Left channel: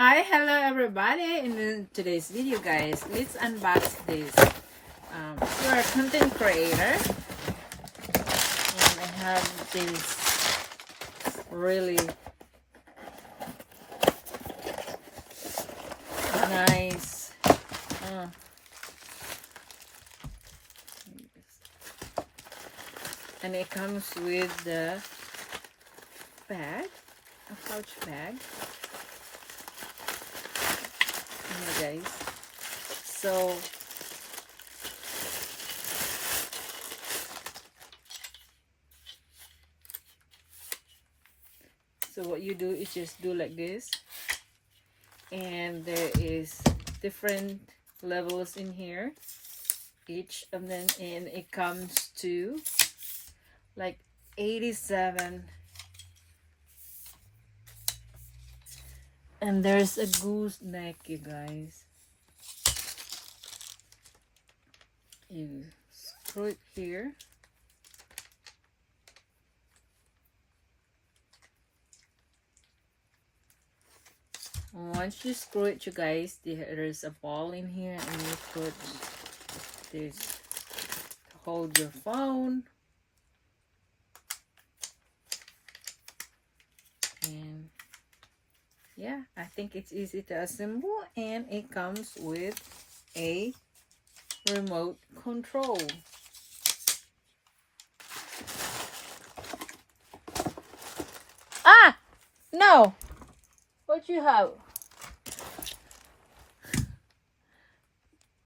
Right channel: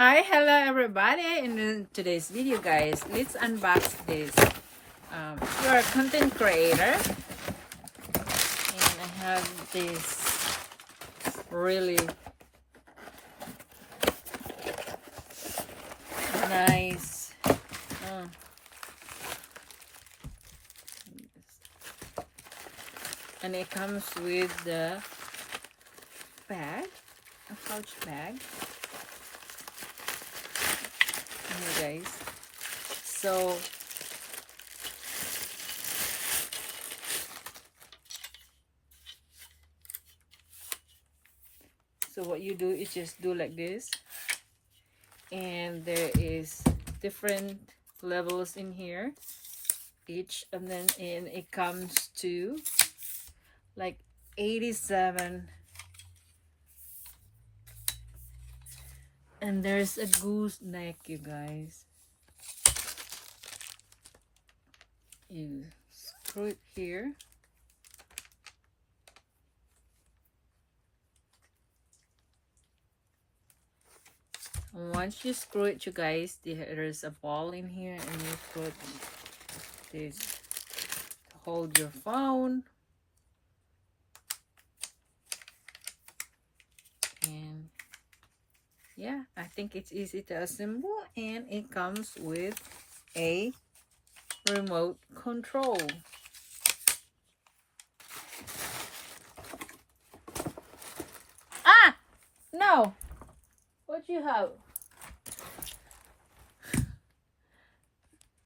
Hi, hello everybody. In today's video, guys, let's unbox this. If you're a content creator, and I have this really nice and it comes with the bag, a pouch bag. Guys, so what you do is just do like this, and there is different levels in here, each of them, and it comes to like 87, and there's a goose neck, you guys. You screw it here, and once you screw it, you guys, there's a ball in here, and you put this to hold your phone, and yeah, I think it's easy to assemble, and it comes with a remote control. Ah, no, what you have?